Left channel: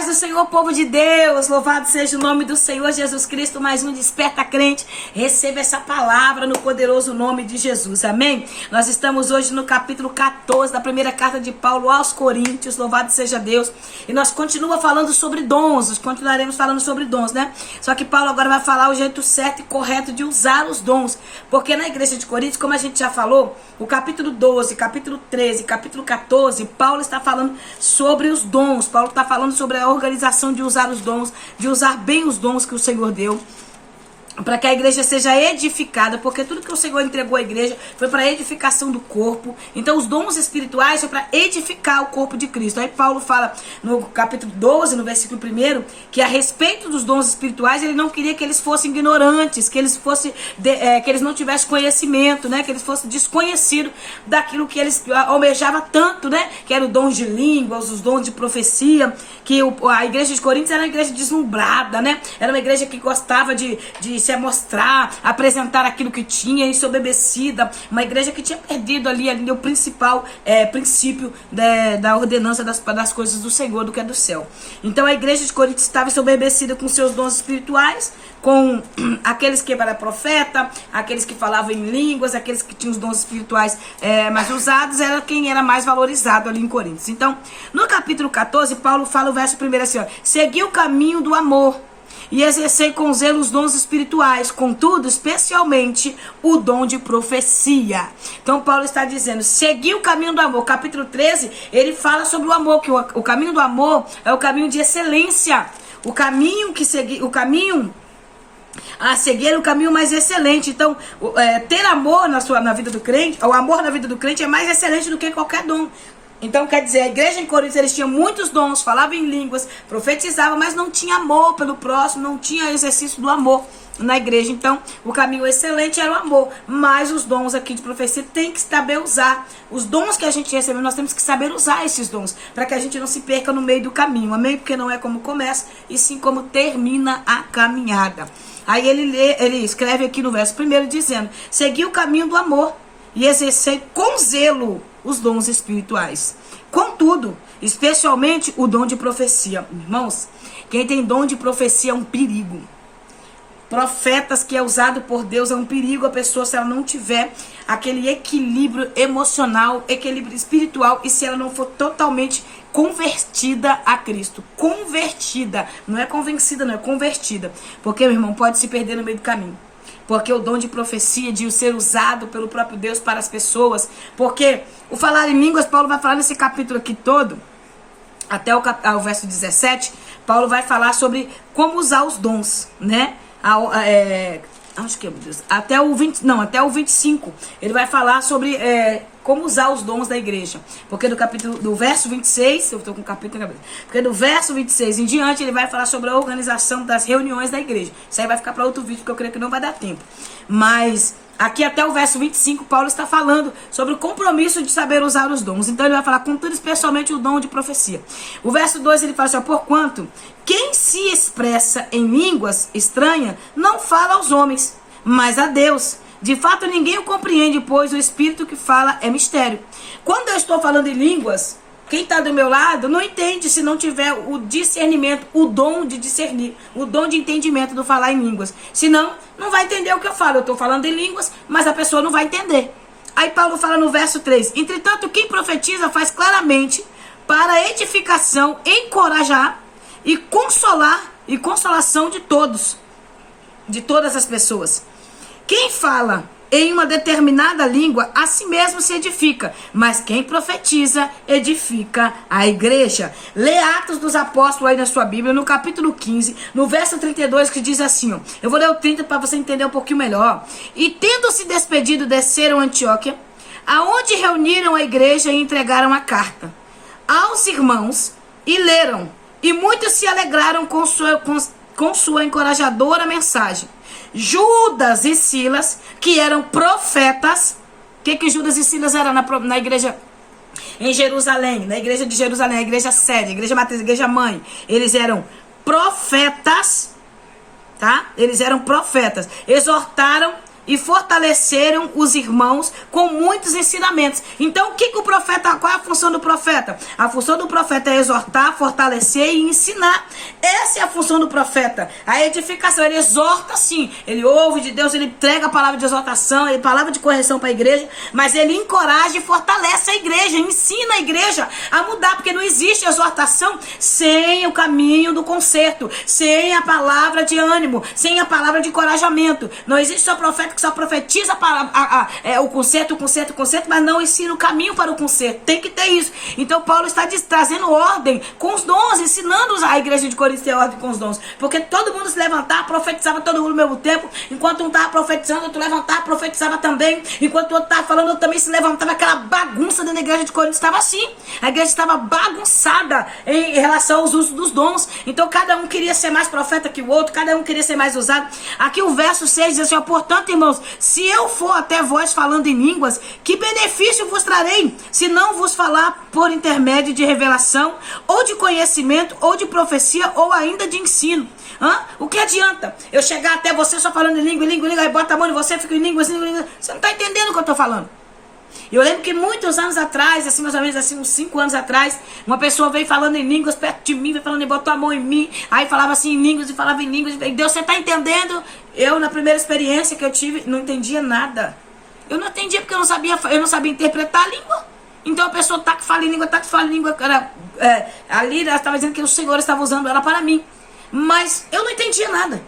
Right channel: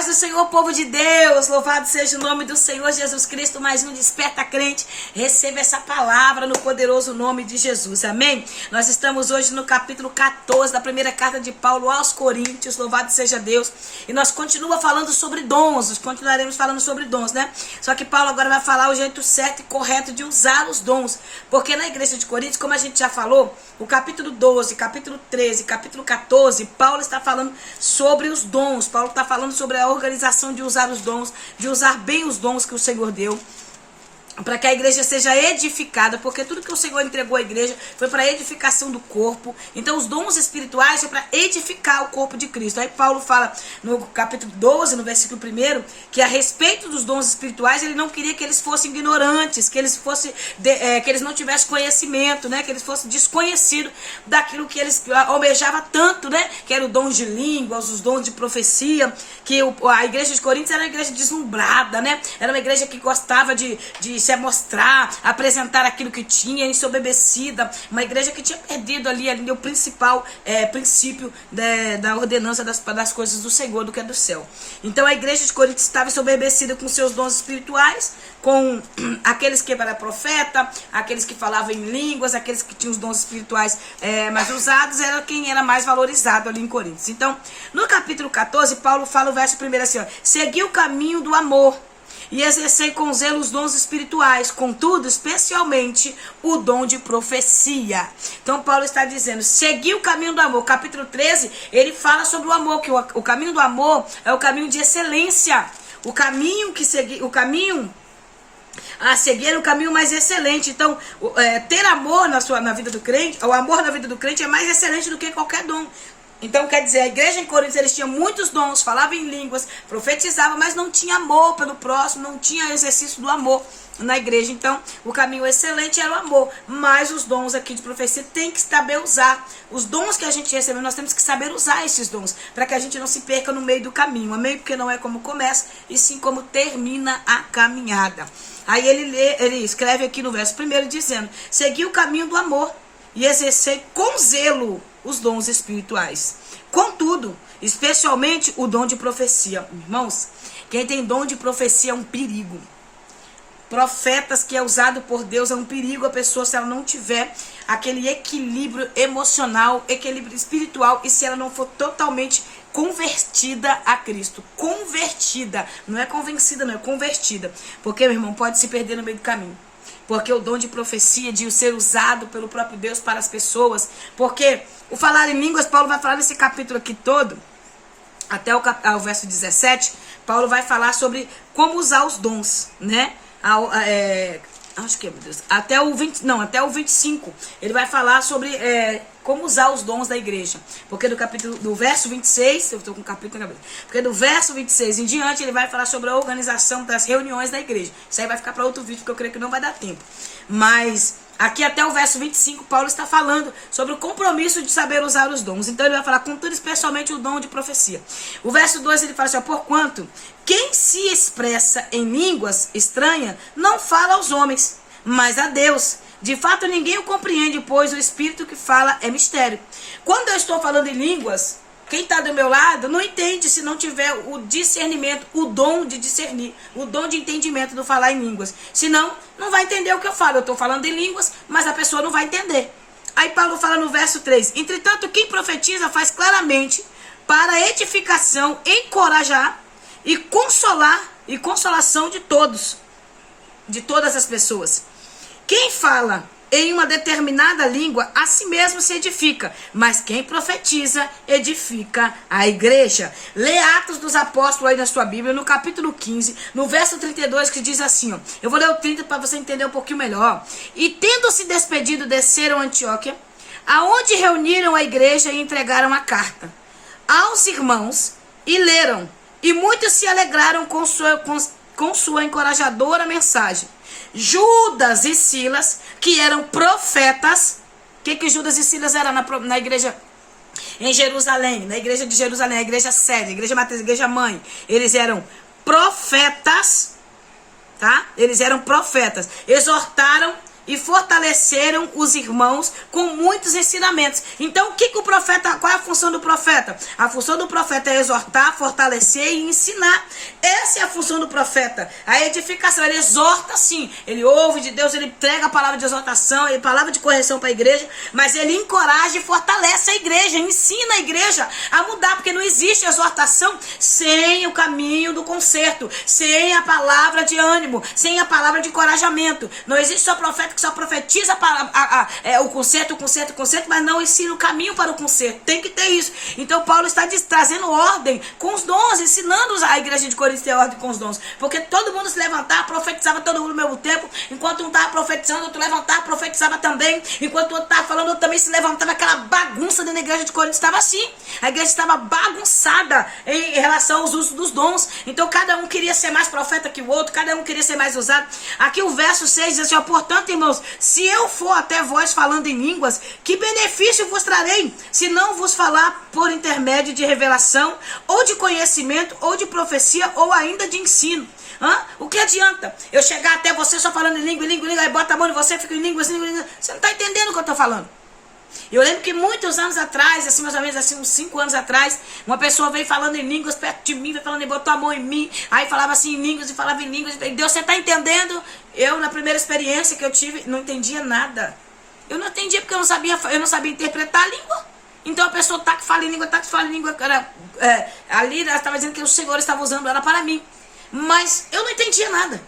paz do Senhor, povo de Deus, louvado seja o nome do Senhor Jesus Cristo, mais um Desperta Crente. Receba essa palavra no poderoso nome de Jesus, amém? Nós estamos hoje no capítulo 14 da primeira carta de Paulo aos Coríntios, louvado seja Deus. E nós continuamos falando sobre dons, nós continuaremos falando sobre dons, né? Só que Paulo agora vai falar o jeito certo e correto de usar os dons, porque na igreja de Coríntios, como a gente já falou, o capítulo 12, capítulo 13, capítulo 14, Paulo está falando sobre os dons. Paulo está falando sobre a organização de usar os dons, de usar bem os dons que o Senhor deu, para que a igreja seja edificada, porque tudo que o Senhor entregou à igreja foi para a edificação do corpo. Então os dons espirituais são para edificar o corpo de Cristo. Aí Paulo fala no capítulo 12, no versículo 1, que a respeito dos dons espirituais, ele não queria que eles fossem ignorantes, que eles fossem que eles não tivessem conhecimento, né? Que eles fossem desconhecidos daquilo que eles almejavam tanto, né? Que era o dom de línguas, os dons de profecia, que a igreja de Coríntios era uma igreja deslumbrada, né? Era uma igreja que gostava de se mostrar, apresentar aquilo que tinha, ensoberbecida, uma igreja que tinha perdido ali o principal princípio da ordenança das coisas do Senhor, do que é do céu. Então a igreja de Corinto estava ensoberbecida com seus dons espirituais, com aqueles que eram profeta, aqueles que falavam em línguas, aqueles que tinham os dons espirituais mais usados, era quem era mais valorizado ali em Coríntios. Então, no capítulo 14, Paulo fala o verso 1 assim, ó: segui o caminho do amor e exercei com zelo os dons espirituais, contudo, especialmente o dom de profecia. Então Paulo está dizendo, segui o caminho do amor. Capítulo 13, ele fala sobre o amor, que o caminho do amor é o caminho de excelência. O caminho a seguir é o caminho mais excelente. Então, ter amor na vida do crente, o amor na vida do crente é mais excelente do que qualquer dom. Então, quer dizer, a igreja em Coríntios, eles tinham muitos dons, falavam em línguas, profetizavam, mas não tinha amor pelo próximo, não tinha exercício do amor na igreja. Então, o caminho excelente era o amor, mas os dons aqui de profecia tem que saber usar. Os dons que a gente recebeu, nós temos que saber usar esses dons, para que a gente não se perca no meio do caminho, amém? Porque não é como começa, e sim como termina a caminhada. Aí ele escreve aqui no verso 1 dizendo, segui o caminho do amor e exercei com zelo os dons espirituais. Contudo, especialmente o dom de profecia. Irmãos, quem tem dom de profecia é um perigo. Profetas que é usado por Deus é um perigo a pessoa se ela não tiver aquele equilíbrio emocional, equilíbrio espiritual, e se ela não for totalmente convertida a Cristo. Convertida, não é convencida, não é convertida. Porque, meu irmão, pode se perder no meio do caminho. Porque o dom de profecia, de ser usado pelo próprio Deus para as pessoas. Porque o falar em línguas, Paulo vai falar nesse capítulo aqui todo, até o verso 17, Paulo vai falar sobre como usar os dons, né? Acho que, meu Deus, até o 25, ele vai falar sobre como usar os dons da igreja. Porque do verso 26, eu estou com o capítulo na cabeça, porque do verso 26 em diante, ele vai falar sobre a organização das reuniões da igreja. Isso aí vai ficar para outro vídeo, porque eu creio que não vai dar tempo. Mas aqui até o verso 25, Paulo está falando sobre o compromisso de saber usar os dons. Então ele vai falar, contudo, especialmente o dom de profecia. O verso 2, ele fala assim, porquanto quem se expressa em línguas estranhas não fala aos homens, mas a Deus. De fato, ninguém o compreende, pois o Espírito que fala é mistério. Quando eu estou falando em línguas, quem está do meu lado não entende se não tiver o discernimento, o dom de discernir, o dom de entendimento do falar em línguas. Senão, não vai entender o que eu falo. Eu estou falando em línguas, mas a pessoa não vai entender. Aí Paulo fala no verso 3, entretanto, quem profetiza faz claramente para edificação, encorajar e consolação de todas as pessoas. Quem fala em uma determinada língua, a si mesmo se edifica, mas quem profetiza, edifica a igreja. Lê Atos dos Apóstolos aí na sua Bíblia, no capítulo 15, no verso 32, que diz assim, ó, eu vou ler o 30 para você entender um pouquinho melhor. E tendo se despedido, desceram a Antioquia, aonde reuniram a igreja e entregaram a carta aos irmãos, e leram, e muitos se alegraram com sua encorajadora mensagem. Judas e Silas, que eram profetas. O que Judas e Silas eram na igreja em Jerusalém? Na igreja de Jerusalém, a igreja sede, a igreja matriz, a igreja mãe. Eles eram profetas, tá? Eles eram profetas. Exortaram e fortaleceram os irmãos com muitos ensinamentos. Então, o profeta, qual é a função do profeta? A função do profeta é exortar, fortalecer e ensinar. Essa é a função do profeta. A edificação, ele exorta sim, ele ouve de Deus, ele entrega a palavra de exortação, a palavra de correção para a igreja, mas ele encoraja e fortalece a igreja, ensina a igreja a mudar, porque não existe exortação sem o caminho do conserto, sem a palavra de ânimo, sem a palavra de encorajamento. Não existe só profeta que só profetiza o conserto, mas não ensina o caminho para o conserto. Tem que ter isso. Então Paulo está trazendo ordem com os dons, ensinando a igreja de Corinto a ter ordem com os dons, porque todo mundo se levantava, profetizava todo mundo ao mesmo tempo. Enquanto um estava profetizando, outro levantava, profetizava também. Enquanto o outro estava falando, outro também se levantava. Aquela bagunça dentro da igreja de Corinto estava assim. A igreja estava bagunçada em relação aos usos dos dons. Então cada um queria ser mais profeta que o outro, cada um queria ser mais usado. Aqui o verso 6 diz assim, ó, portanto, irmãos, se eu for até vós falando em línguas, que benefício vos trarei, se não vos falar por intermédio de revelação, ou de conhecimento, ou de profecia, ou ainda de ensino? O que adianta eu chegar até você só falando em língua, aí bota a mão em você, fica em língua. Você não está entendendo o que eu estou falando. Eu lembro que muitos anos atrás, assim, mais ou menos assim, uns 5 anos atrás, uma pessoa veio falando em línguas perto de mim, veio falando, botou a mão em mim, aí falava assim em línguas, e falava em línguas, e Deus, você está entendendo? Eu, na primeira experiência que eu tive, não entendia nada. Eu não entendia porque eu não sabia interpretar a língua. Então a pessoa que fala em língua, ali ela estava dizendo que o Senhor estava usando ela para mim. Mas eu não entendia nada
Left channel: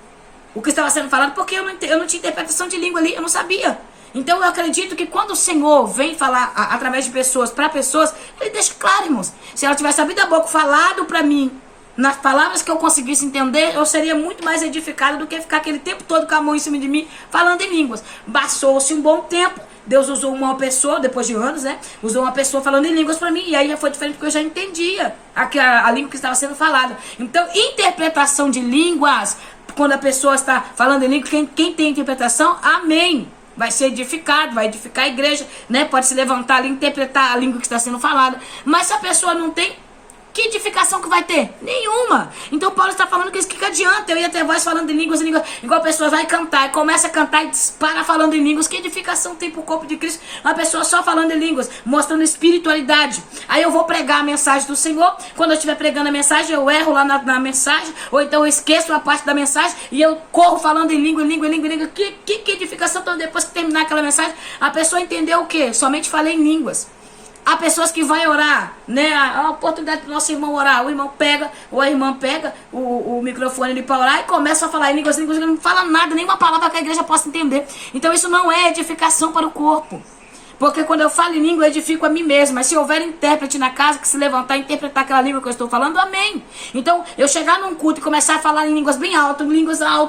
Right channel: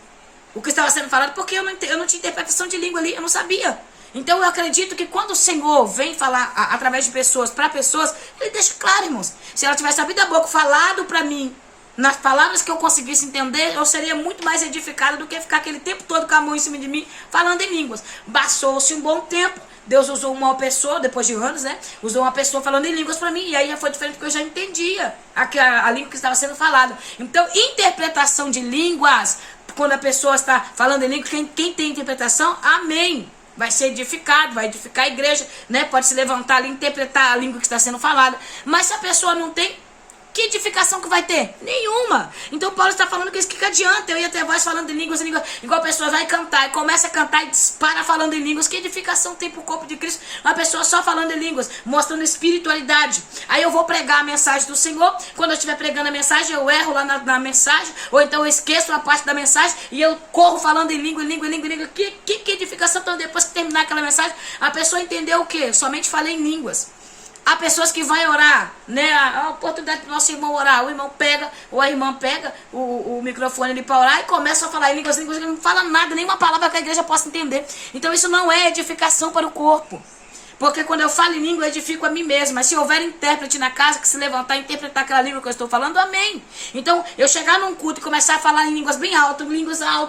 o que estava sendo falado, porque eu não tinha interpretação de língua ali, eu não sabia. Então eu acredito que quando o Senhor vem falar através de pessoas, para pessoas, ele deixa claro, irmãos. Se ela tivesse abrido a boca, falado para mim, nas palavras que eu conseguisse entender, eu seria muito mais edificada do que ficar aquele tempo todo com a mão em cima de mim, falando em línguas. Bastou-se um bom tempo, Deus usou uma pessoa, depois de anos, né? Usou uma pessoa falando em línguas para mim, e aí já foi diferente, porque eu já entendia a língua que estava sendo falada. Então, interpretação de línguas, quando a pessoa está falando em línguas, quem tem interpretação, amém. Vai ser edificado, vai edificar a igreja, né? Pode se levantar ali, interpretar a língua que está sendo falada. Mas se a pessoa não tem, que edificação que vai ter? Nenhuma. Então Paulo está falando que isso, que adianta eu ir até voz falando em línguas, igual a pessoa vai cantar, e começa a cantar e dispara falando em línguas. Que edificação tem para o corpo de Cristo? Uma pessoa só falando em línguas, mostrando espiritualidade. Aí eu vou pregar a mensagem do Senhor, quando eu estiver pregando a mensagem, eu erro lá na mensagem, ou então eu esqueço uma parte da mensagem, e eu corro falando em língua. Que edificação? Então depois que terminar aquela mensagem, a pessoa entendeu o quê? Somente falei em línguas. Há pessoas que vão orar, né? A oportunidade do nosso irmão orar. O irmão pega, ou a irmã pega o microfone ali para orar e começa a falar em línguas, não fala nada, nenhuma palavra que a igreja possa entender. Então isso não é edificação para o corpo. Porque quando eu falo em língua, eu edifico a mim mesmo. Mas se houver intérprete na casa que se levantar e interpretar aquela língua que eu estou falando, amém. Então, eu chegar num culto e começar a falar em línguas bem alto,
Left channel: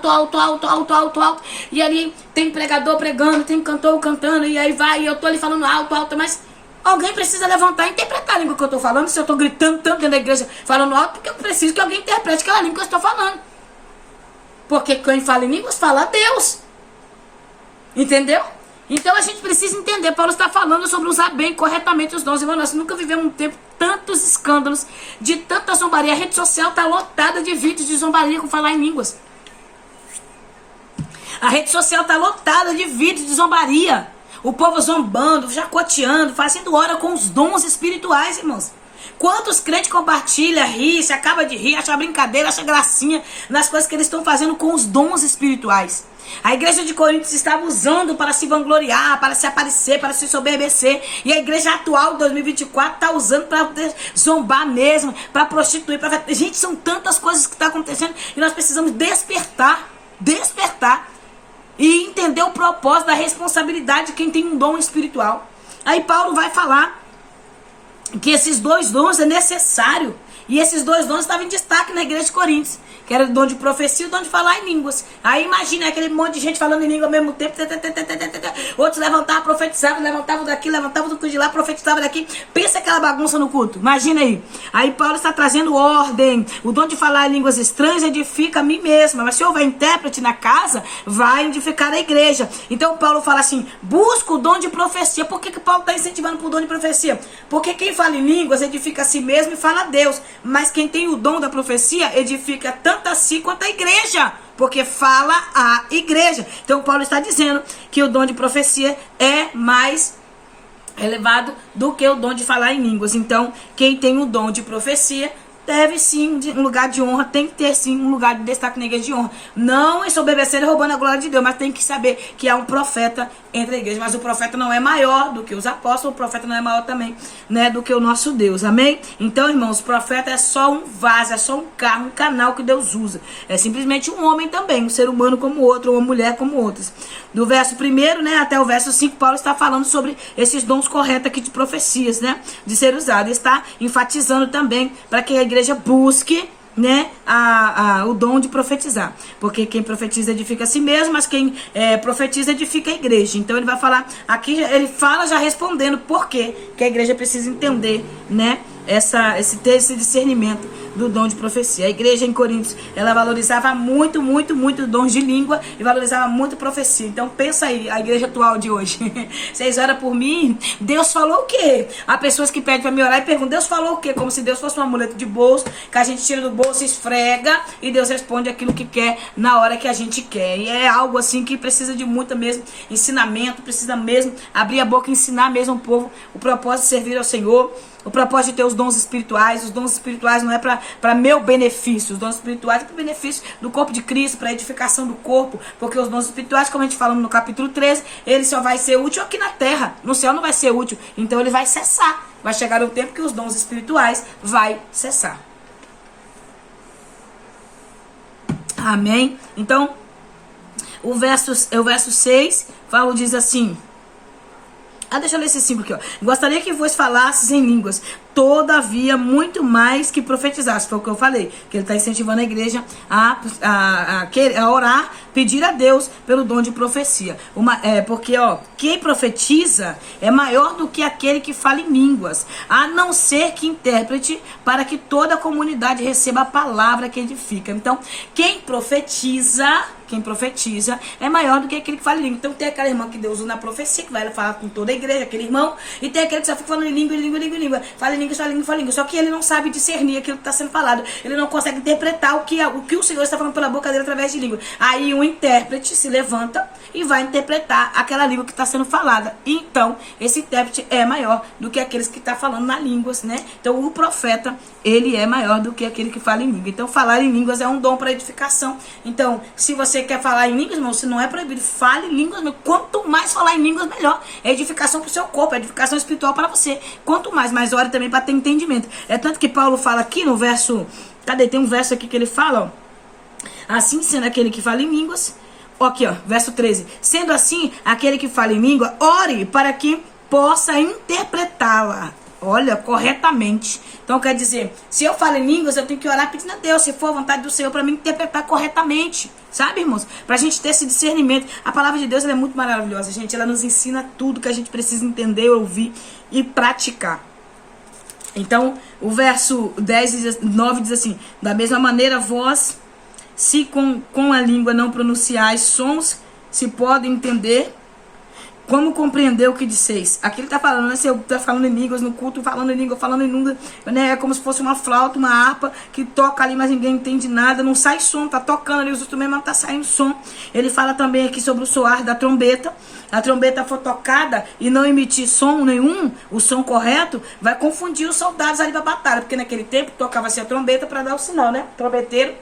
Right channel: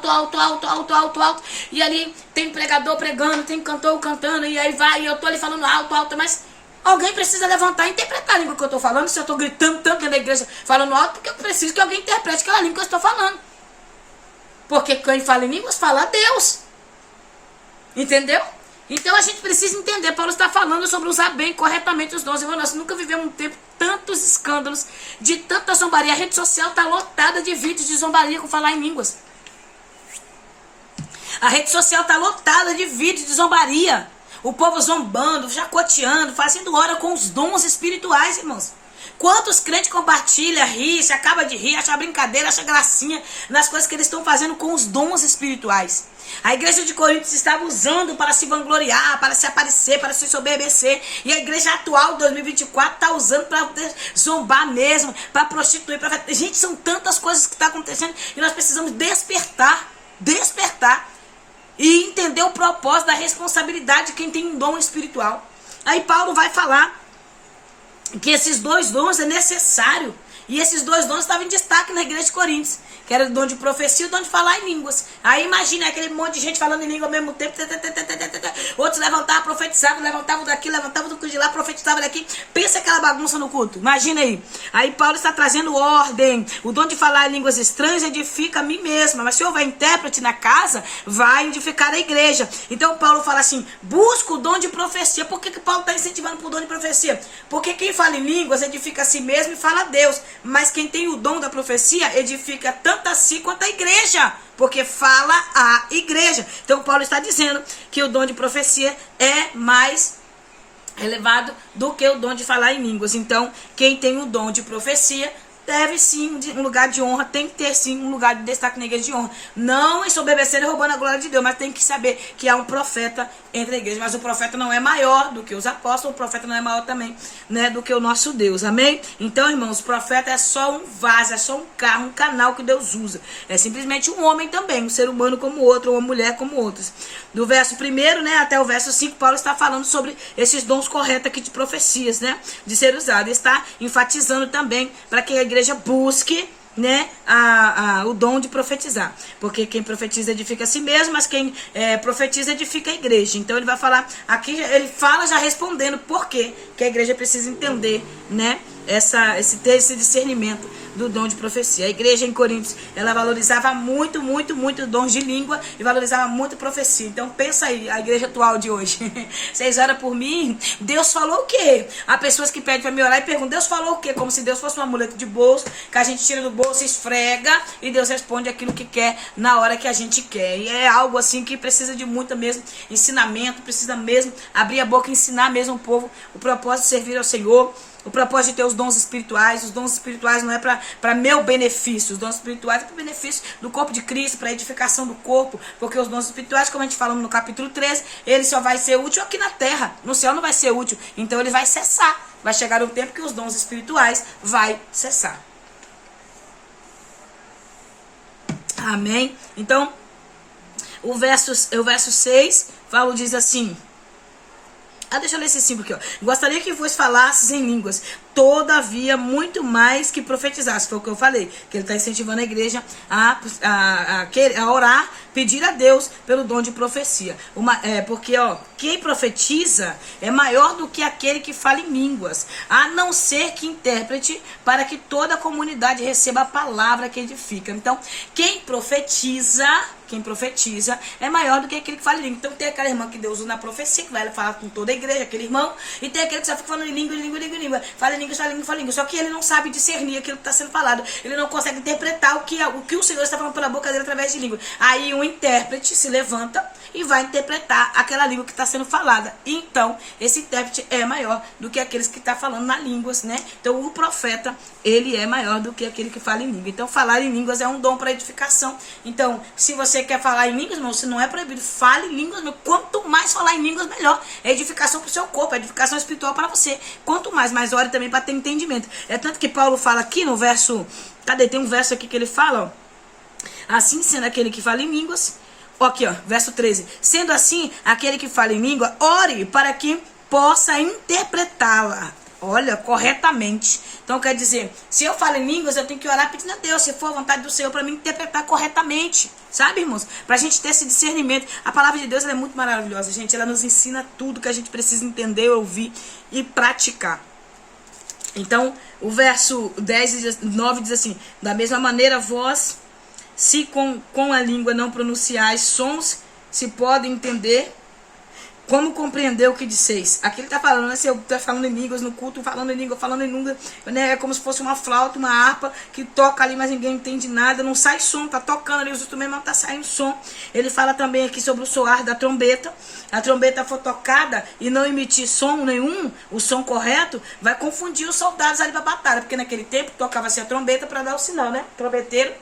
alto. E ali tem pregador pregando, tem cantor cantando, e aí vai, e eu estou ali falando alto, mas alguém precisa levantar e interpretar a língua que eu estou falando. Se eu estou gritando tanto dentro da igreja, falando alto, porque eu preciso que alguém interprete aquela língua que eu estou falando. Porque quem fala em línguas, fala a Deus. Entendeu? Então a gente precisa entender. Paulo está falando sobre usar bem, corretamente os dons. Irmão, nós nunca vivemos um tempo, tantos escândalos, de tanta zombaria. A rede social está lotada de vídeos de zombaria com falar em línguas. A rede social está lotada de vídeos de zombaria. O povo zombando, chacoteando, fazendo hora com os dons espirituais, irmãos. Quantos crentes compartilham, ri, se acaba de rir, acha brincadeira, acha gracinha nas coisas que eles estão fazendo com os dons espirituais. A igreja de Corinto estava usando para se vangloriar, para se aparecer, para se soberbecer. E a igreja atual, 2024, está usando para zombar mesmo, para prostituir. Gente, são tantas coisas que estão acontecendo e nós precisamos despertar. E entender o propósito da responsabilidade de quem tem um dom espiritual. Aí Paulo vai falar que esses dois dons é necessário. E esses dois dons estavam em destaque na igreja de Coríntios. Que era o dom de profecia e o dom de falar em línguas. Aí imagina aquele monte de gente falando em língua ao mesmo tempo. Outros levantavam, profetizavam, levantavam daqui, levantavam do de lá, profetizavam daqui. Pensa aquela bagunça no culto. Imagina aí. Aí Paulo está trazendo ordem. O dom de falar em línguas estranhas edifica a mim mesma. Mas se houver intérprete na casa, vai edificar a igreja. Então Paulo fala assim, busca o dom de profecia. Por que Paulo está incentivando para o dom de profecia? Porque quem fala em línguas edifica a si mesmo e fala a Deus. Mas quem tem o dom da profecia edifica tanto a si quanto a igreja, porque fala a igreja. Então Paulo está dizendo que o dom de profecia é mais elevado do que o dom de falar em línguas. Então quem tem o dom de profecia deve sim um lugar de honra, tem que ter sim um lugar de destaque na igreja de honra. Não ensoberbecendo e roubando a glória de Deus, mas tem que saber que há um profeta entre a igreja. Mas o profeta não é maior do que os apóstolos, o profeta não é maior também, né, do que o nosso Deus, amém? Então, irmãos, o profeta é só um vaso, é só um carro, um canal que Deus usa. É simplesmente um homem também, um ser humano como outro, ou uma mulher como outros. Do verso 1, né, até o verso 5, Paulo está falando sobre esses dons corretos aqui de profecias, né, de ser usado. Está enfatizando também para que a igreja busque, né, o dom de profetizar, porque quem profetiza edifica a si mesmo, mas quem profetiza edifica a igreja. Então ele vai falar aqui, ele fala já respondendo por quê que a igreja precisa entender, né, ter esse discernimento do dom de profecia. A igreja em Coríntios, ela valorizava muito dons de língua e valorizava muito profecia. Então pensa aí, a igreja atual de hoje. Vocês oram por mim? Deus falou o quê? Há pessoas que pedem para me orar e perguntam, Deus falou o quê? Como se Deus fosse um amuleto de bolso, que a gente tira do bolso, esfrega e Deus responde aquilo que quer na hora que a gente quer. E é algo assim que precisa de muito mesmo ensinamento, precisa mesmo abrir a boca e ensinar mesmo o povo o propósito de servir ao Senhor. O propósito de ter os dons espirituais. Os dons espirituais não é para meu benefício. Os dons espirituais é para o benefício do corpo de Cristo, para a edificação do corpo. Porque os dons espirituais, como a gente falou no capítulo 13, ele só vai ser útil aqui na terra. No céu não vai ser útil. Então ele vai cessar. Vai chegar um tempo que os dons espirituais vai cessar. Amém? Então, o verso 6, Paulo diz assim... deixa eu ler esse 5 aqui, ó. Gostaria que vos falasses em línguas, todavia muito mais que profetizasse. Foi o que eu falei, que ele está incentivando a igreja a orar, pedir a Deus pelo dom de profecia. Porque, ó, quem profetiza é maior do que aquele que fala em línguas, a não ser que intérprete, para que toda a comunidade receba a palavra que edifica. Então, quem profetiza é maior do que aquele que fala em língua. Então tem aquela irmã que Deus usa na profecia, que vai falar com toda a igreja, aquele irmão, e tem aquele que só fica falando em língua, fala em língua, só que ele não sabe discernir aquilo que está sendo falado, ele não consegue interpretar o que o Senhor está falando pela boca dele através de língua. Aí um intérprete se levanta e vai interpretar aquela língua que está sendo falada. Então esse intérprete é maior do que aqueles que estão falando nas línguas, né? Então o profeta, ele é maior do que aquele que fala em língua. Então falar em línguas é um dom para edificação. Então se você quer falar em línguas, irmão, se não é proibido, fale em línguas, meu. Quanto mais falar em línguas, melhor. É edificação para o seu corpo, é edificação espiritual para você. Quanto mais ore também para ter entendimento. É tanto que Paulo fala aqui no verso, tem um verso aqui que ele fala, ó, assim sendo aquele que fala em línguas, ó, aqui, ó, verso 13, sendo assim aquele que fala em língua, ore para que possa interpretá-la, olha, corretamente. Então quer dizer, se eu falo em línguas, eu tenho que orar pedindo a Deus, se for a vontade do Senhor, para me interpretar corretamente. Sabe, irmãos? Pra gente ter esse discernimento. A palavra de Deus, ela é muito maravilhosa, gente. Ela nos ensina tudo que a gente precisa entender, ouvir e praticar. Então, o verso 9 diz assim, da mesma maneira, vós, se com a língua não pronunciais sons, se podem entender, como compreender o que disseis? Aqui ele está falando, né? Se eu estou falando em línguas no culto, falando em língua, né? É como se fosse uma flauta, uma harpa que toca ali, mas ninguém entende nada, não sai som, tá tocando ali os instrumentos, mas não tá saindo som. Ele fala também aqui sobre o soar da trombeta. A trombeta for tocada e não emitir som nenhum, o som correto, vai confundir os soldados ali para a batalha, porque naquele tempo tocava-se a trombeta para dar o sinal, né? Trombeteiro,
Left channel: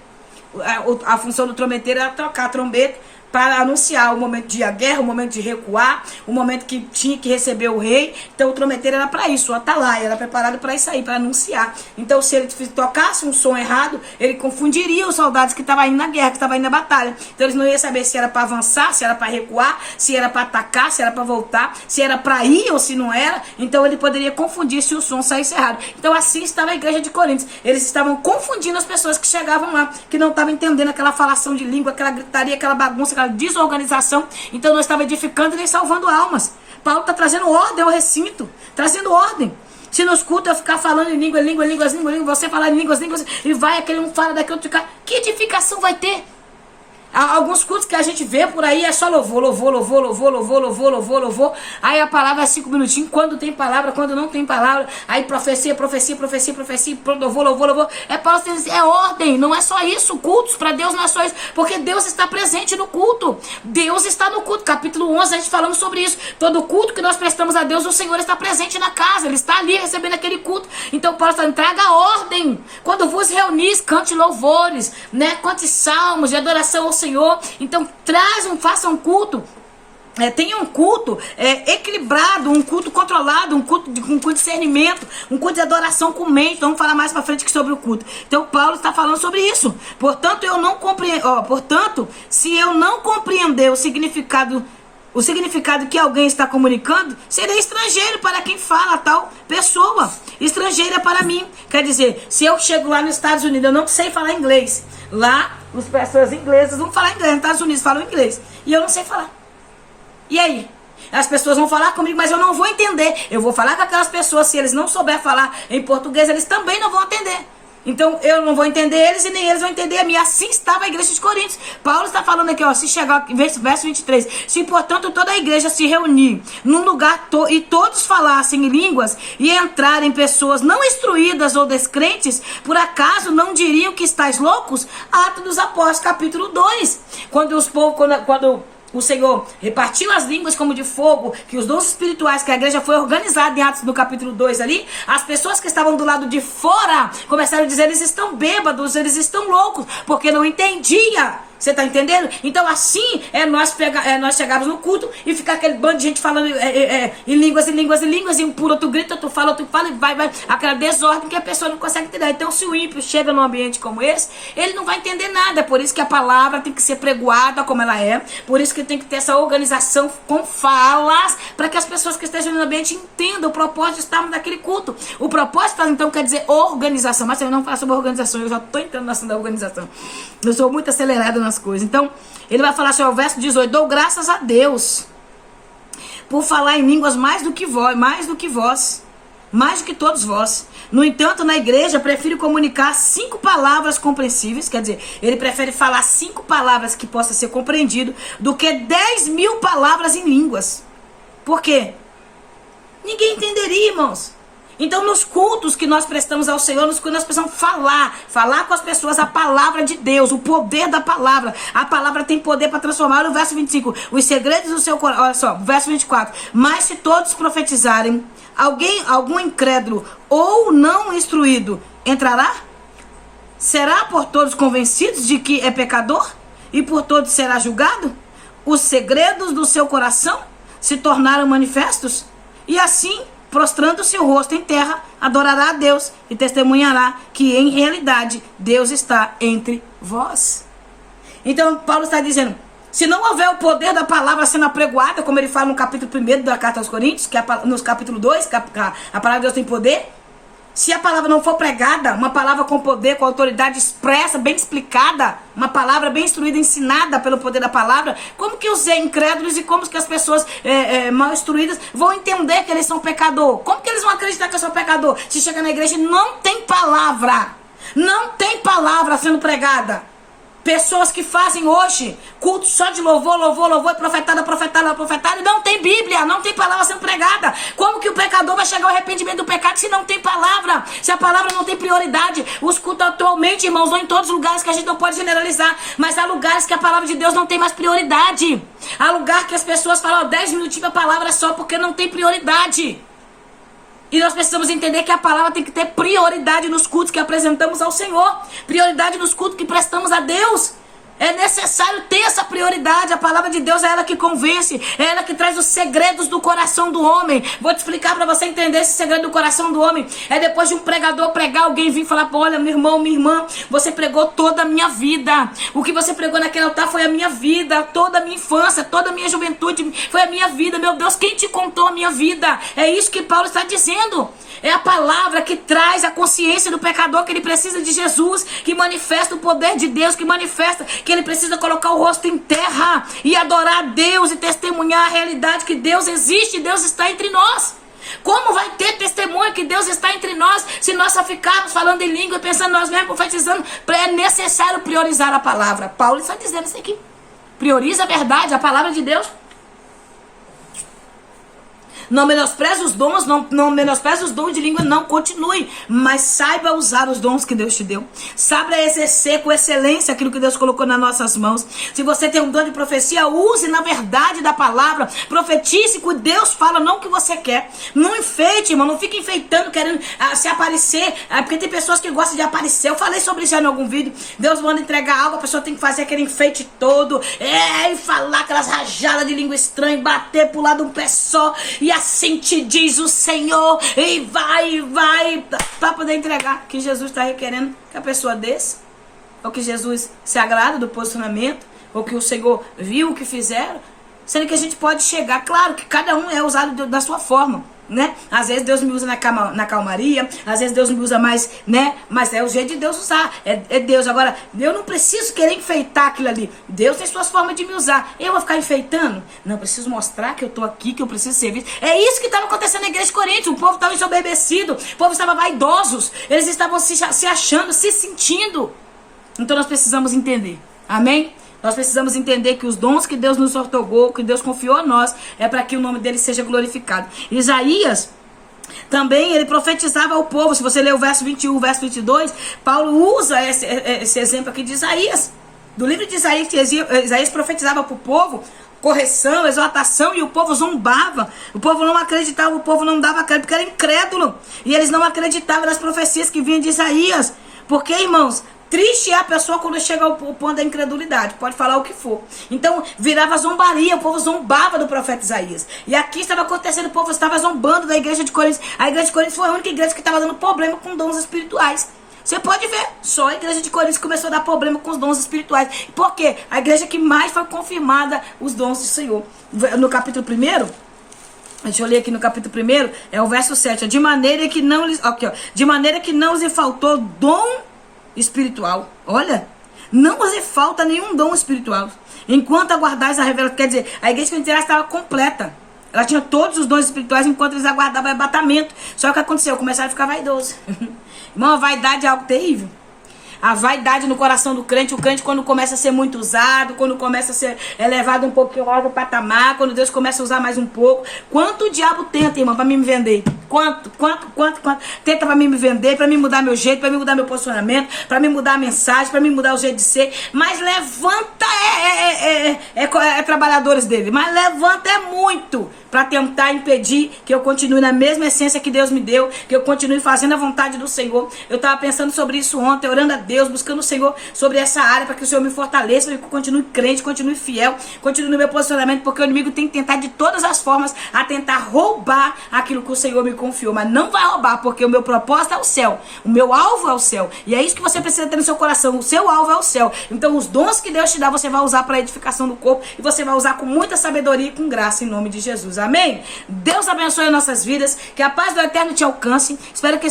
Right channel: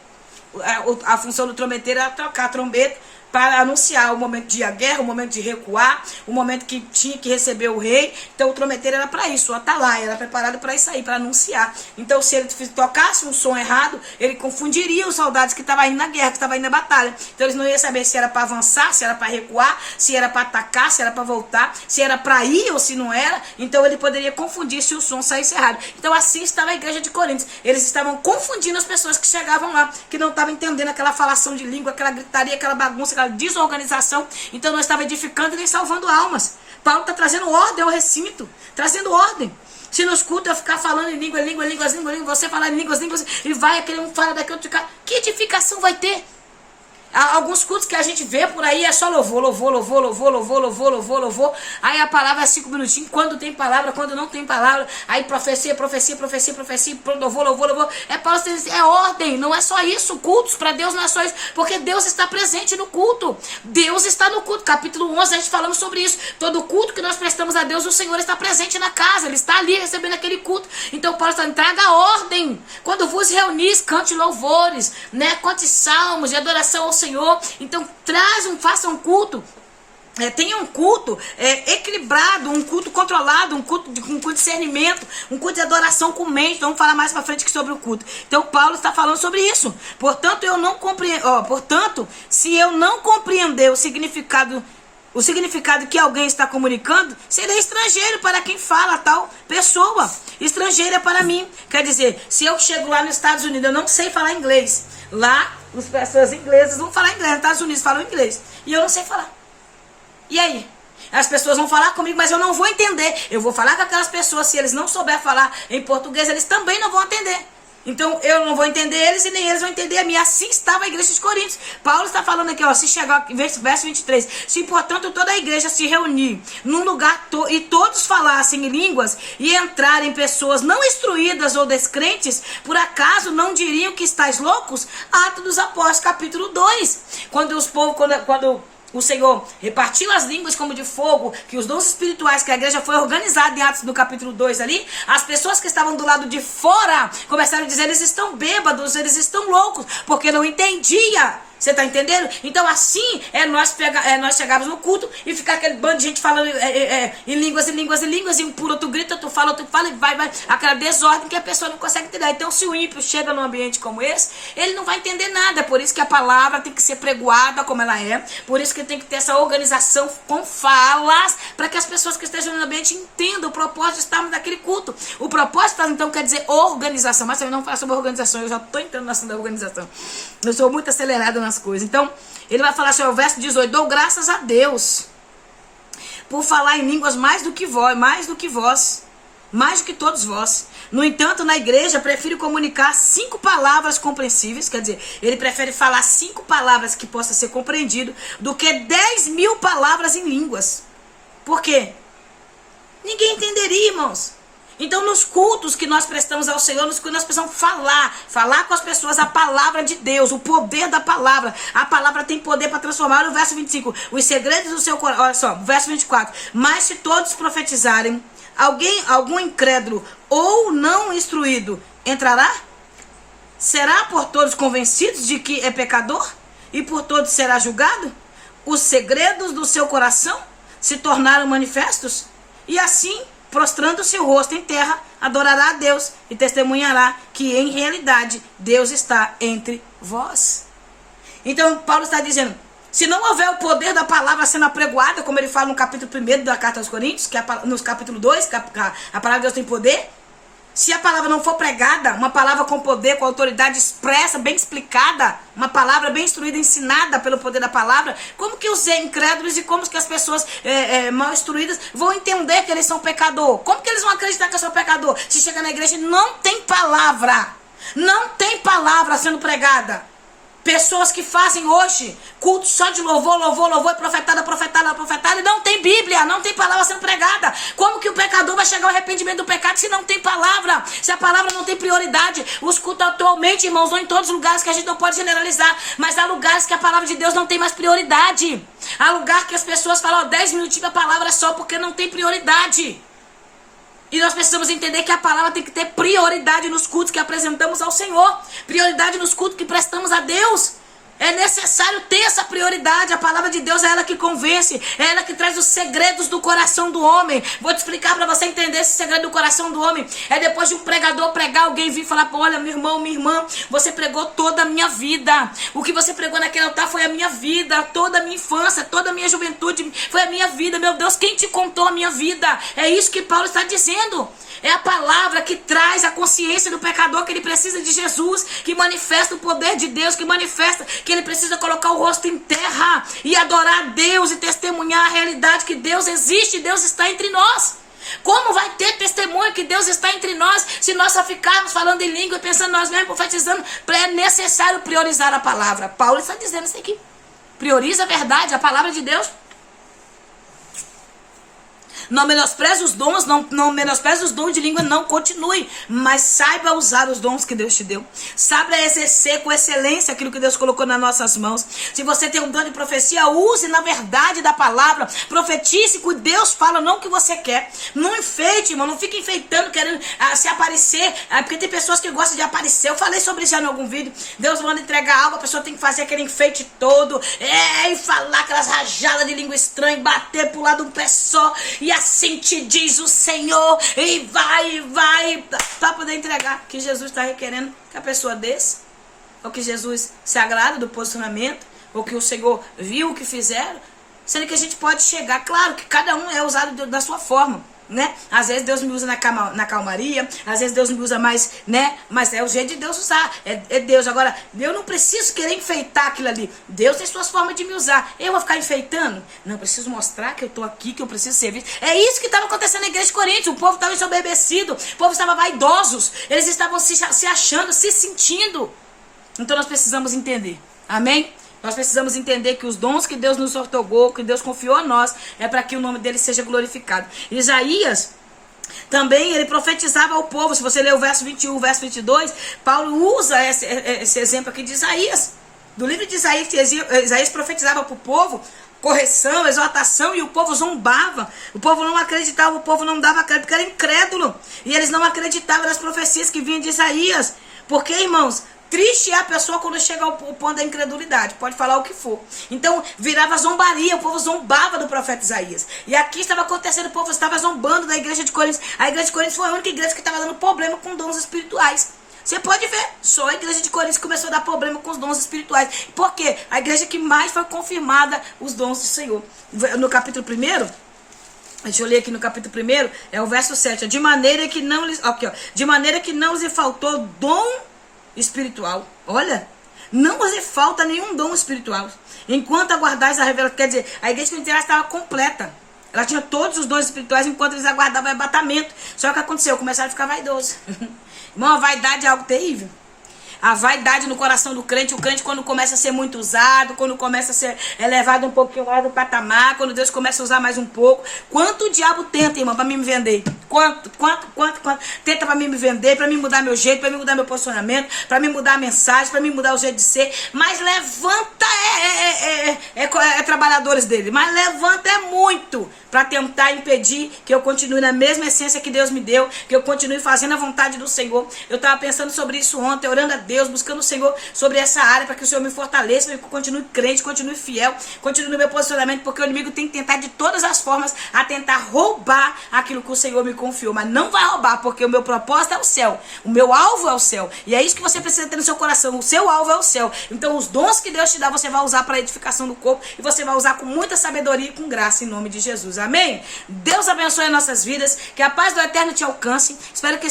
a função do trombeteiro era trocar a trombeta para anunciar o momento de ir à guerra, o momento de recuar, o momento que tinha que receber o rei. Então o trombeteiro era para isso, o atalaia, era preparado para isso aí, para anunciar. Então se ele tocasse um som errado, ele confundiria os soldados que estavam indo na guerra, que estavam indo na batalha. Então eles não iam saber se era para avançar, se era para recuar, se era para atacar, se era para voltar, se era para ir ou se não era. Então ele poderia confundir se o som saísse errado. Então assim estava a igreja de Coríntios. Eles estavam confundindo as pessoas que chegavam lá, que não estavam entendendo aquela falação de língua, aquela gritaria, aquela bagunça, desorganização. Então não estava edificando nem salvando almas. Paulo está trazendo ordem ao recinto, trazendo ordem. Se nos cultos eu ficar falando em língua, você falar em línguas, e vai aquele um fala daqui, outro ficar, que edificação vai ter? Há alguns cultos que a gente vê por aí, é só louvor, louvor, louvor, louvor, louvor, louvor, louvor, louvor. Aí a palavra é 5 minutinhos, quando tem palavra, quando não tem palavra. Aí profecia, profecia, profecia, profecia, louvor, louvor, louvor. É ordem, não é só isso. Cultos para Deus não é só isso, porque Deus está presente no culto. Deus está no culto. Capítulo 11, a gente falando sobre isso. Todo culto que nós prestamos a Deus, o Senhor está presente na casa. Ele está ali recebendo aquele culto. Então Paulo está dizendo, traga ordem. Quando vos reunis, cante louvores, né? Cante salmos de adoração ao Senhor. Então faça um culto, tenha um culto equilibrado, um culto controlado, um culto com discernimento, um culto de adoração com mente. Vamos falar mais para frente sobre o culto. Então Paulo está falando sobre isso. Portanto, se eu não compreender o significado que alguém está comunicando, serei estrangeiro para quem fala tal pessoa. Estrangeira para mim. Quer dizer, se eu chego lá nos Estados Unidos, eu não sei falar inglês. Lá, as pessoas inglesas vão falar inglês. Nos Estados Unidos falam inglês. E eu não sei falar. E aí? As pessoas vão falar comigo, mas eu não vou entender. Eu vou falar com aquelas pessoas, se eles não souberem falar em português, eles também não vão entender. Então eu não vou entender eles e nem eles vão entender a mim. Assim estava a igreja de Coríntios. Paulo está falando aqui, ó, se chegar, verso 23. Se portanto toda a igreja se reunir num lugar e todos falassem em línguas e entrarem pessoas não instruídas ou descrentes, por acaso não diriam que estáis loucos? Atos dos Apóstolos, capítulo 2. Quando o Senhor repartiu as línguas como de fogo, que os dons espirituais, que a igreja foi organizada em Atos no capítulo 2 ali, as pessoas que estavam do lado de fora começaram a dizer, eles estão bêbados, eles estão loucos, porque não entendia. Você tá entendendo? Então assim nós chegarmos no culto e ficar aquele bando de gente falando em línguas, e um por outro grita, outro fala, e vai, aquela desordem que a pessoa não consegue entender. Então se o ímpio chega num ambiente como esse, ele não vai entender nada. Por isso que a palavra tem que ser pregoada como ela é, por isso que tem que ter essa organização com falas, para que as pessoas que estejam no ambiente entendam o propósito de estarmos naquele culto. O propósito então quer dizer organização, mas eu não falo sobre organização, eu já estou entrando na ação da organização. Eu sou muito acelerada nas coisas. Então, ele vai falar assim, o verso 18, dou graças a Deus por falar em línguas mais do que todos vós. No entanto, na igreja, prefiro comunicar 5 palavras compreensíveis, quer dizer, ele prefere falar 5 palavras que possa ser compreendido, do que 10.000 palavras em línguas. Por quê? Ninguém entenderia, irmãos. Então, nos cultos que nós prestamos ao Senhor, nos cultos nós precisamos falar com as pessoas a palavra de Deus, o poder da palavra. A palavra tem poder para transformar. No verso 25, os segredos do seu coração. Olha só, verso 24. Mas se todos profetizarem, algum incrédulo ou não instruído entrará? Será por todos convencidos de que é pecador? E por todos será julgado? Os segredos do seu coração se tornaram manifestos? E assim, prostrando seu rosto em terra, adorará a Deus e testemunhará que em realidade Deus está entre vós. Então Paulo está dizendo, se não houver o poder da palavra sendo apregoada, como ele fala no capítulo 1 da carta aos Coríntios, que no capítulo 2, que a palavra de Deus tem poder, se a palavra não for pregada, uma palavra com poder, com autoridade expressa, bem explicada, uma palavra bem instruída, ensinada pelo poder da palavra, como que os incrédulos e como que as pessoas mal instruídas vão entender que eles são pecador? Como que eles vão acreditar que eu sou pecador? Se chega na igreja e não tem palavra sendo pregada. Pessoas que fazem hoje culto só de louvor, e profetada, e não tem Bíblia, não tem palavra sendo pregada. Como que o pecador vai chegar ao arrependimento do pecado se não tem palavra? Se a palavra não tem prioridade? Os cultos atualmente, irmãos, não em todos os lugares, que a gente não pode generalizar, mas há lugares que a palavra de Deus não tem mais prioridade. Há lugar que as pessoas falam, 10 minutinhos a palavra é só porque não tem prioridade. E nós precisamos entender que a palavra tem que ter prioridade nos cultos que apresentamos ao Senhor. Prioridade nos cultos que prestamos a Deus. É necessário ter essa prioridade. A palavra de Deus é ela que convence. É ela que traz os segredos do coração do homem. Vou te explicar para você entender esse segredo do coração do homem. É depois de um pregador pregar, alguém vir falar, olha, meu irmão, minha irmã, você pregou toda a minha vida. O que você pregou naquele altar foi a minha vida. Toda a minha infância, toda a minha juventude foi a minha vida. Meu Deus, quem te contou a minha vida? É isso que Paulo está dizendo. É a palavra que traz a consciência do pecador que ele precisa de Jesus, que manifesta o poder de Deus, que manifesta que ele precisa colocar o rosto em terra e adorar a Deus e testemunhar a realidade que Deus existe, Deus está entre nós. Como vai ter testemunho que Deus está entre nós se nós só ficarmos falando em língua e pensando nós mesmos, profetizando? É necessário priorizar a palavra. Paulo está dizendo isso aqui. Prioriza a verdade, a palavra de Deus. Não menospreze os dons, não menospreze os dons de língua, não continue. Mas saiba usar os dons que Deus te deu. Saiba exercer com excelência aquilo que Deus colocou nas nossas mãos. Se você tem um dom de profecia, use na verdade da palavra. Profetize o que Deus fala, não o que você quer. Não enfeite, irmão, não fique enfeitando, querendo se aparecer. Porque tem pessoas que gostam de aparecer. Eu falei sobre isso já em algum vídeo. Deus manda entregar algo, a pessoa tem que fazer aquele enfeite todo. E falar aquelas rajadas de língua estranha, bater pro lado de um pé só. E assim te diz o Senhor, e vai, para poder entregar. Que Jesus está requerendo que a pessoa desça, ou que Jesus se agrada do posicionamento, ou que o Senhor viu o que fizeram, sendo que a gente pode chegar, claro que cada um é usado da sua forma, né? Às vezes Deus me usa na calmaria, às vezes Deus me usa mais, né? Mas é o jeito de Deus usar, é Deus. Agora, eu não preciso querer enfeitar aquilo ali. Deus tem suas formas de me usar. Eu vou ficar enfeitando? Não, eu preciso mostrar que eu tô aqui, que eu preciso servir. É isso que estava acontecendo na igreja de Corinto. O povo estava ensoberbecido, o povo estava vaidosos, eles estavam se achando, se sentindo. Então nós precisamos entender, amém? Nós precisamos entender que os dons que Deus nos outorgou, que Deus confiou a nós, é para que o nome dele seja glorificado. Isaías também, ele profetizava ao povo. Se você ler o verso 21, o verso 22, Paulo usa esse exemplo aqui de Isaías. Do livro de Isaías, Isaías profetizava para o povo correção, exortação, e o povo zombava. O povo não acreditava, o povo não dava crédito, porque era incrédulo. E eles não acreditavam nas profecias que vinham de Isaías. Porque, irmãos, triste é a pessoa quando chega ao ponto da incredulidade. Pode falar o que for. Então, virava zombaria. O povo zombava do profeta Isaías. E aqui estava acontecendo, o povo estava zombando da igreja de Corinto. A igreja de Corinto foi a única igreja que estava dando problema com dons espirituais. Você pode ver, só a igreja de Corinto começou a dar problema com os dons espirituais. Por quê? A igreja que mais foi confirmada os dons do Senhor. No capítulo 1... Deixa eu ler aqui no capítulo 1, é o verso 7. De maneira que não lhes... Aqui, ó. De maneira que não lhes faltou dom espiritual. Olha, não lhes falta nenhum dom espiritual. Enquanto aguardais a revelação... Quer dizer, a igreja pentecostal estava completa. Ela tinha todos os dons espirituais enquanto eles aguardavam o arrebatamento. Só que o que aconteceu? Começaram a ficar vaidosos. Irmão, a vaidade é algo terrível. A vaidade no coração do crente, o crente quando começa a ser muito usado, quando começa a ser elevado um pouquinho lá do patamar, quando Deus começa a usar mais um pouco. Quanto o diabo tenta, irmão, pra mim me vender? Quanto? Tenta pra mim me vender, pra mim mudar meu jeito, pra mim mudar meu posicionamento, pra mim mudar a mensagem, pra mim mudar o jeito de ser. Mas levanta trabalhadores dele, mas levanta muito para tentar impedir que eu continue na mesma essência que Deus me deu, que eu continue fazendo a vontade do Senhor. Eu estava pensando sobre isso ontem, orando a Deus, buscando o Senhor sobre essa área, para que o Senhor me fortaleça, para que eu continue crente, continue fiel, continue no meu posicionamento, porque o inimigo tem que tentar de todas as formas a tentar roubar aquilo que o Senhor me confiou, mas não vai roubar, porque o meu propósito é o céu, o meu alvo é o céu, e é isso que você precisa ter no seu coração, o seu alvo é o céu. Então os dons que Deus te dá, você vai usar para a edificação do corpo, e você vai usar com muita sabedoria e com graça, em nome de Jesus. Amém? Deus abençoe as nossas vidas, que a paz do Eterno te alcance. Espero que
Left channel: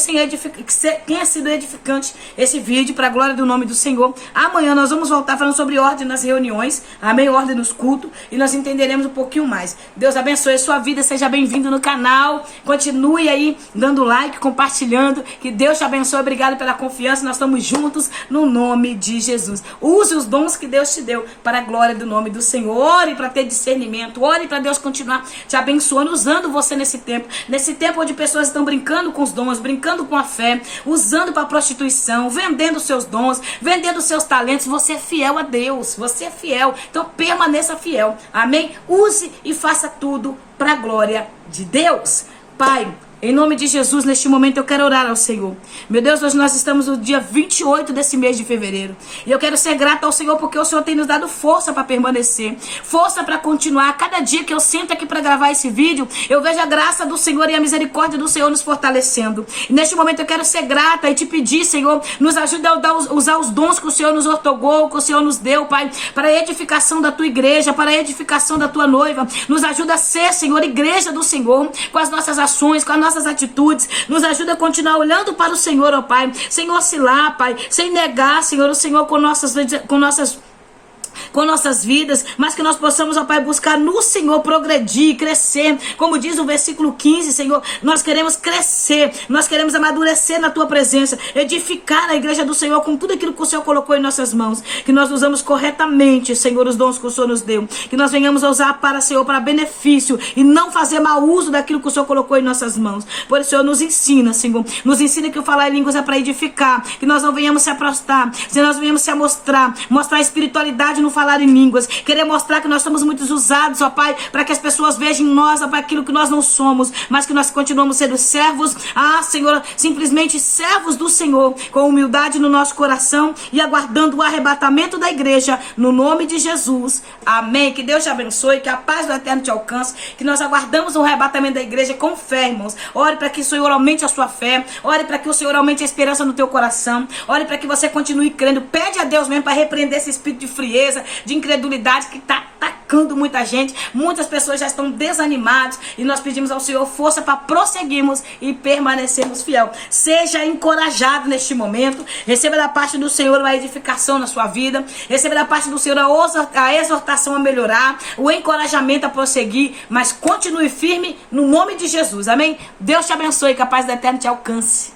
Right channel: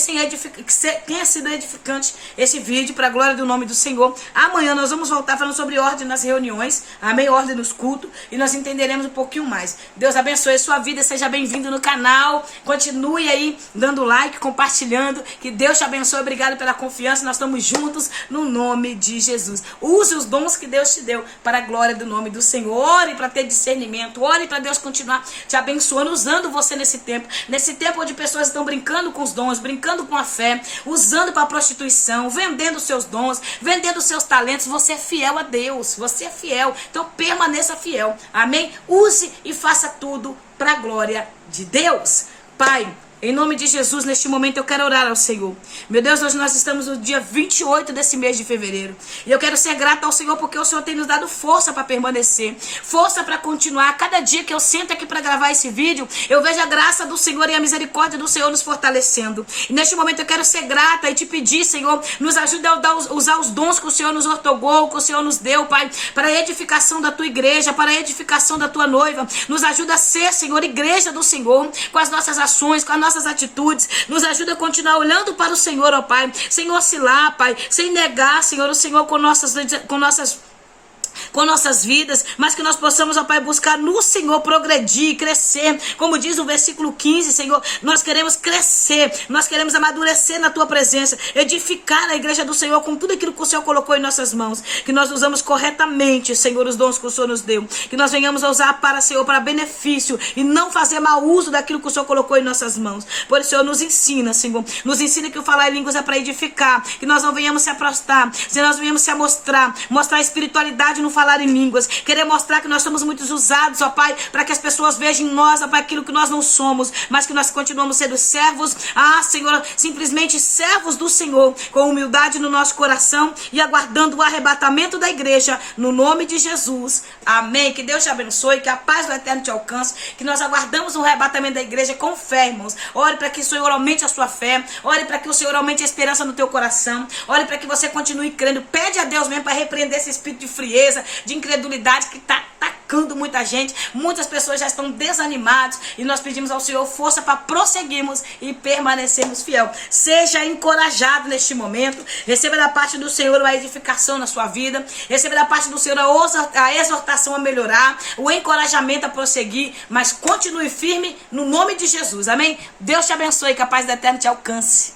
tenha sido edificante esse vídeo, para a glória do nome do Senhor. Amanhã nós vamos voltar falando sobre ordem nas reuniões, amém? Ordem nos cultos, e nós entenderemos um pouquinho mais. Deus abençoe a sua vida, seja bem-vindo no canal, continue aí dando like, compartilhando, que Deus te abençoe. Obrigado pela confiança, nós estamos juntos no nome de Jesus. Use os dons que Deus te deu para a glória do nome do Senhor. Ore para ter discernimento, ore para Deus continuar te abençoando, usando você nesse tempo onde pessoas estão brincando com os dons, brincando com a fé, usando para prostituição, vendendo seus dons, vendendo seus talentos. Você é fiel a Deus, você é fiel, então permaneça fiel, amém? Use e faça tudo para a glória de Deus. Pai, em nome de Jesus, neste momento eu quero orar ao Senhor. Meu Deus, hoje nós estamos no dia 28 desse mês de fevereiro. E eu quero ser grata ao Senhor porque o Senhor tem nos dado força para permanecer. Força para continuar. Cada dia que eu sento aqui para gravar esse vídeo, eu vejo a graça do Senhor e a misericórdia do Senhor nos fortalecendo. E neste momento eu quero ser grata e te pedir, Senhor, nos ajude a usar os dons que o Senhor nos outorgou, que o Senhor nos deu, Pai, para a edificação da tua igreja, para a edificação da tua noiva. Nos ajuda a ser, Senhor, igreja do Senhor, com as nossas ações, com as nossas atitudes. Nos ajuda a continuar olhando para o Senhor, ó Pai, sem oscilar, Pai, sem negar, Senhor, o Senhor com nossas com nossas vidas, mas que nós possamos, ó Pai, buscar no Senhor progredir, crescer. Como diz o versículo 15, Senhor, nós queremos crescer, nós queremos amadurecer na Tua presença, edificar a igreja do Senhor com tudo aquilo que o Senhor colocou em nossas mãos, que nós usamos corretamente, Senhor, os dons que o Senhor nos deu, que nós venhamos a usar para, Senhor, para benefício e não fazer mau uso daquilo que o Senhor colocou em nossas mãos. Por isso, Senhor, nos ensina, Senhor, nos ensina que o falar em línguas é para edificar, que nós não venhamos se aprostar, se nós venhamos se mostrar a espiritualidade no falar em línguas, querer mostrar que nós somos muito usados, ó Pai, para que as pessoas vejam em nós, ó Pai, aquilo que nós não somos, mas que nós continuamos sendo servos, Senhor, simplesmente servos do Senhor, com humildade no nosso coração e aguardando o arrebatamento da igreja, no nome de Jesus. Amém. Que Deus te abençoe, que a paz do Eterno te alcance, que nós aguardamos o arrebatamento da igreja com fé, irmãos. Ore para que o Senhor aumente a sua fé, ore para que o Senhor aumente a esperança no teu coração, ore para que você continue crendo. Pede a Deus mesmo para repreender esse espírito de frieza, de incredulidade que está atacando muita gente. Muitas pessoas já estão desanimadas e nós pedimos ao Senhor força para prosseguirmos e permanecermos fiel. Seja encorajado neste momento, receba da parte do Senhor a edificação na sua vida, receba da parte do Senhor a exortação a melhorar, o encorajamento a prosseguir, mas continue firme no nome de Jesus, amém? Deus te abençoe, que a paz do Eterno te alcance.